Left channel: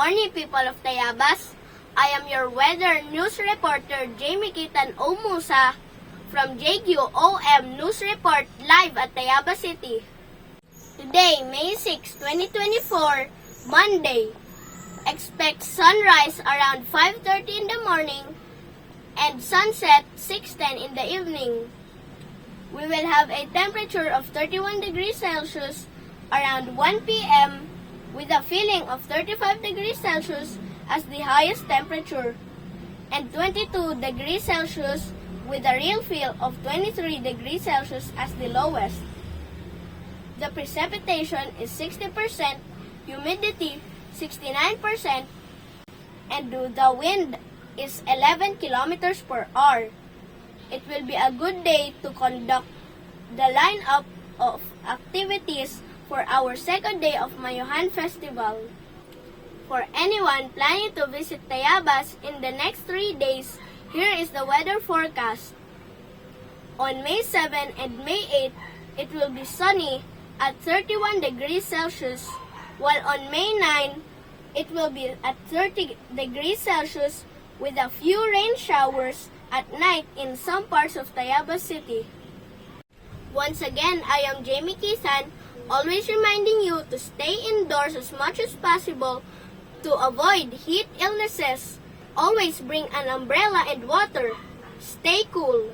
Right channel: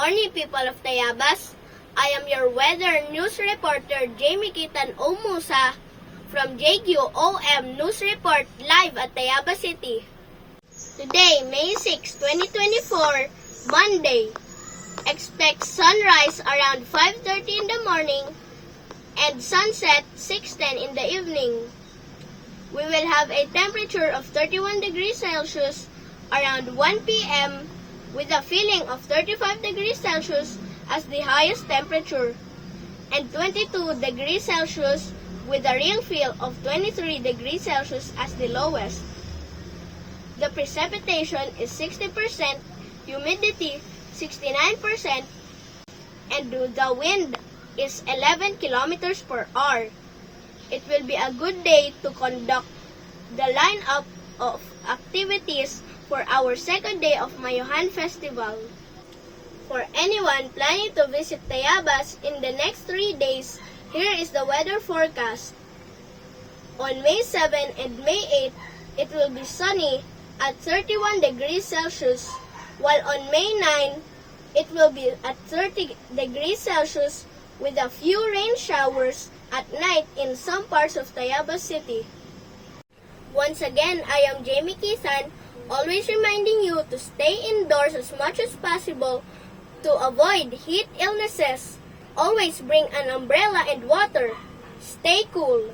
morning, people of Tayabas. I am your weather news reporter, Jamie Kitan Omusa, from JQOM News Report live at Tayabas City. Today, May 6, 2024, Monday. Expect sunrise around 5:30 in the morning and sunset 6:10 in the evening. We will have a temperature of 31 degrees Celsius around 1 p.m. with a feeling of 35 degrees Celsius as the highest temperature and 22 degrees Celsius with a real feel of 23 degrees Celsius as the lowest. The precipitation is 60%, humidity 69%, and the wind is 11 kilometers per hour. It will be a good day to conduct the lineup of activities for our second day of Mayuhan Festival. For anyone planning to visit Tayabas in the next 3 days, here is the weather forecast. On May 7 and May 8, it will be sunny at 31 degrees Celsius, while on May 9, it will be at 30 degrees Celsius with a few rain showers at night in some parts of Tayabas City. Once again, I am Jamie Kisan, always reminding you to stay indoors as much as possible to avoid heat illnesses. Always bring an umbrella and water. Stay cool.